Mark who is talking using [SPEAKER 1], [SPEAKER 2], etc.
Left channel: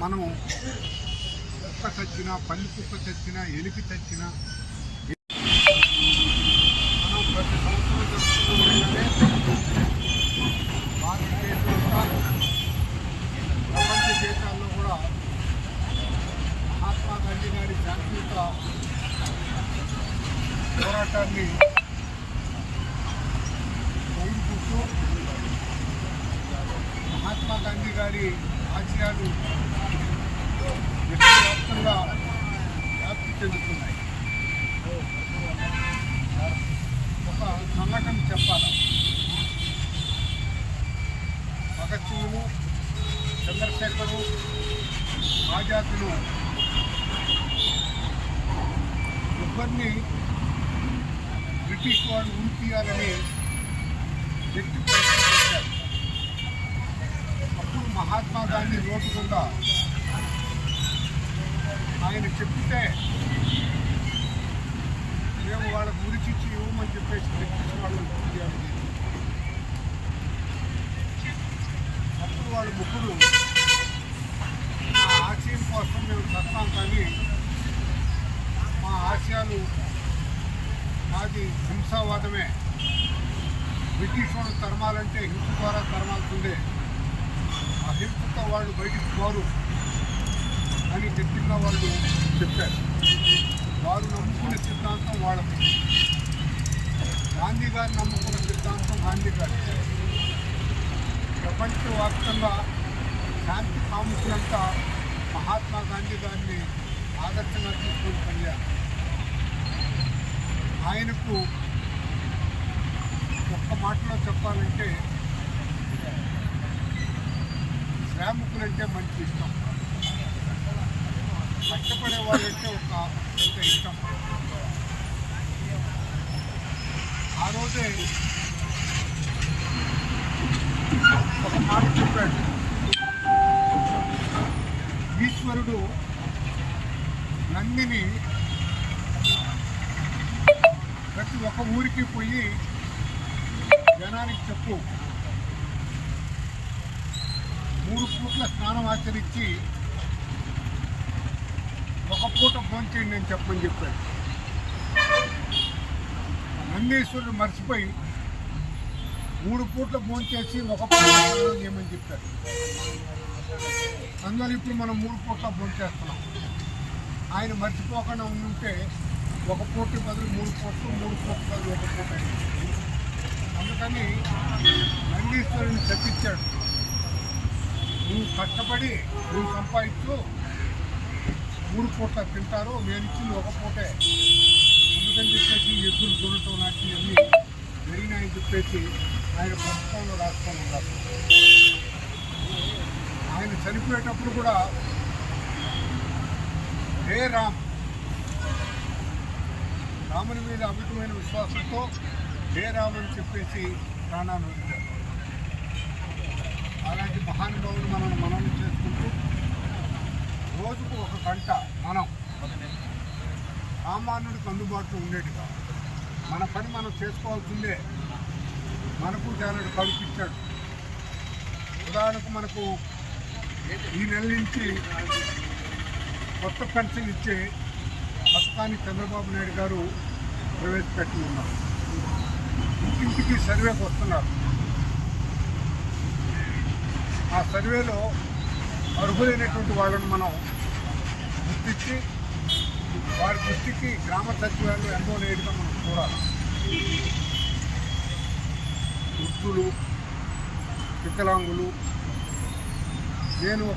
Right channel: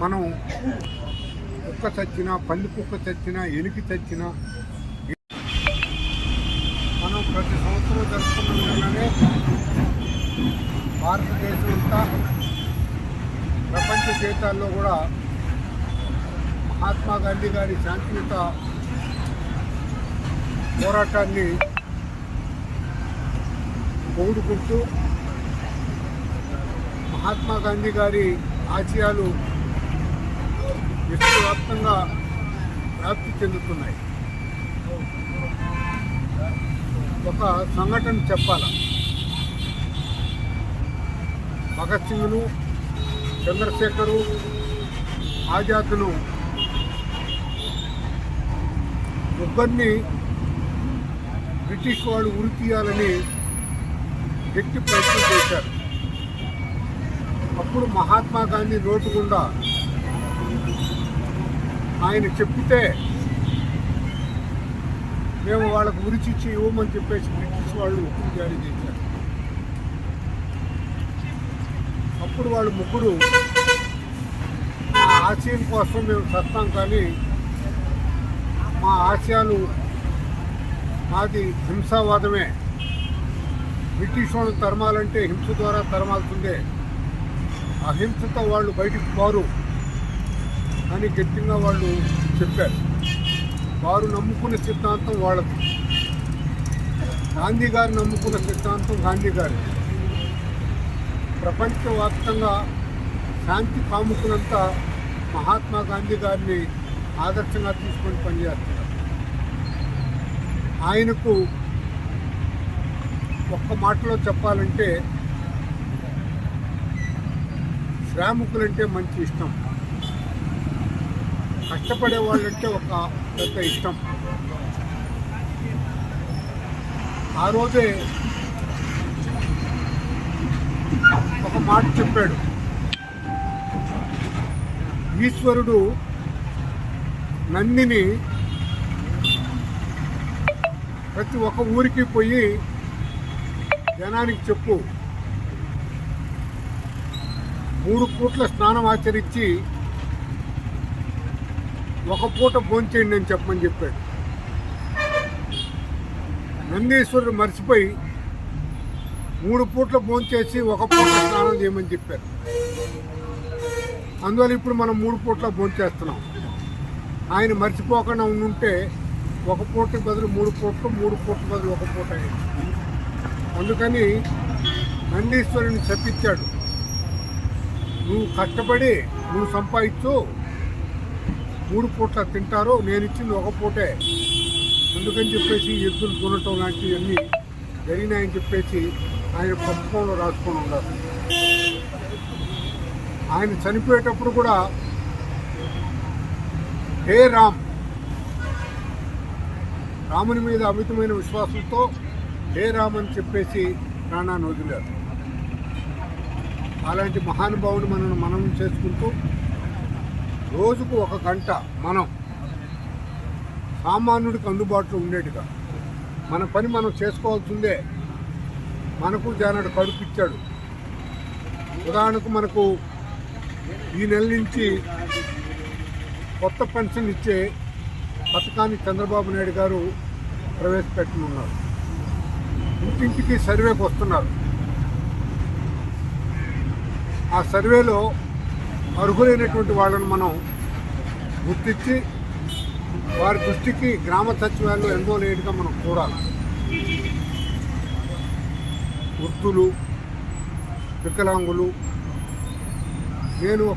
[SPEAKER 1] మనం కుక్క చచ్చినా పల్లి కుక్క చచ్చినా ఎలికి చచ్చినా మనం ప్రతి సంవత్సరం జరుపుకున్నామంటే భారతదేశం ఇంకా ప్రపంచ దేశాల్లో కూడా మహాత్మా గాంధీ గారి శాంతియుత పోరాటాన్ని పొగుడుకుంటూ మహాత్మా గాంధీ గారి ఆశయాలు విశ్వవ్యాప్తంగా వ్యాప్తి చెందుతున్నాయి. ఒక సంఘటన చెప్పాల? భగత్ సింగ్ను చంద్రశేఖరు ఆజాదులు ముగ్గురిని బ్రిటిష్ వాళ్ళు ఉరి తీయాలని గట్టి ప్రయత్నం చేశారు. అప్పుడు మహాత్మా గాంధీ రోడ్డు గుండా ఆయన చెప్తే మేము వాళ్ళకు ఉరిచిచ్చి ఇవ్వమని చెప్పేసి బ్రిటిష్ వాళ్ళు ఉత్తర్వు జారీ చేశారు. అప్పుడు వాళ్ళు ముగ్గురు మా ఆశయం కోసం మేము చస్తాం కానీ మా ఆశయాలు మాది హింసావాదమే. బ్రిటిష్ వాళ్ళు తరమాలంటే హింస ద్వారా తరమాల్సిందే. అహింసతో వాళ్ళు బయటికి పోరు. అని గట్టిగా వాళ్ళు చెప్పారు. వారు నమ్ముకున్న సిద్ధాంతం వాళ్ళది. గాంధీ గారు నమ్ముకున్న సిద్ధాంతం గాంధీ గారు. ప్రపంచవ్యాప్తంగా శాంతి కాముకులంతా మహాత్మా గాంధీ గారిని ఆదర్శంగా తీసుకొని పనిచేస్తారు. ఆయనకు ఒక్క మాటలో చెప్పాలంటే శ్రామికులంటే మంచి ఇష్టం. కష్టపడే వాళ్ళంటే ఒక పెద్ద ఇష్టం. ఆ రోజే ఒక మాట చెప్పాడు. ఈశ్వరుడు నందిని ప్రతి ఒక్క ఊరికి పోయి జనానికి చెప్పు. మూడు పూట్ల స్నానం ఆచరించి ఒక పూట భోంచేయండి అని చెప్పమని చెప్పాడు. నందీశ్వరుడు మర్చిపోయి మూడు పూట్ల భోంచేసి ఒక పూట స్నానం చేయమని చెప్పారు అందువల్ల ఇప్పుడు మనం మూడు పూట్ల భోంచేస్తున్నాం ఆయన మర్చిపోకుండా ఉంటే ఒక పూటకి బదులు మూడు పూట్లు మూడు పూట్ల బదులు ఒక పూట అయింది. అందుకని నందీశ్వరుని శపించాడు. నువ్వు కష్టపడి నువ్వు సంపాదించు మూడు పూట్ల తింటారు నేను ఇచ్చింది ఒక పూటే. అందుకని చెప్పేసి ఎద్దులు కొనటం లాంటివన్నీ జరిగినాయని చెప్పేసి ఆయన పుస్తకంలో రాసుకొని ఉన్నారు. ఆయన చనిపోయేటప్పుడు కూడా హే రామ్ రాముని మీద అమితమైన విశ్వాసంతో హే రామ్ అని చెప్పేసి ప్రాణాన్ని వదిలారు. అలాంటి మహానుభావుని మనల్ని మనం చేసుకుంటూ రోజుకు ఒక గంట మనం సామాన్యుడికి అందుబాటులో ఉండేట్టుగా మన పని మనం చేసుకోవాల్సిందే. మనకు జానడు కడుపిచ్చాడు. ఉదాహరణకు మనకు ఈ నెల నుంచి కొత్త పెన్షన్ ఇచ్చే పథకాన్ని చంద్రబాబు నాయుడు గారు ప్రవేశపెట్టనున్నారు ఇంటింటికి సర్వేకి వస్తున్నారు. ఆ సర్వేలో అర్హులైనటువంటి వాళ్ళను మనం గుర్తించి వారి దృష్టికి గ్రామ సచివాలయంలో ఎన్రోల్ అయ్యేట్టుగా మనం చూడాలి. గుర్తులు వికలాంగులు నేను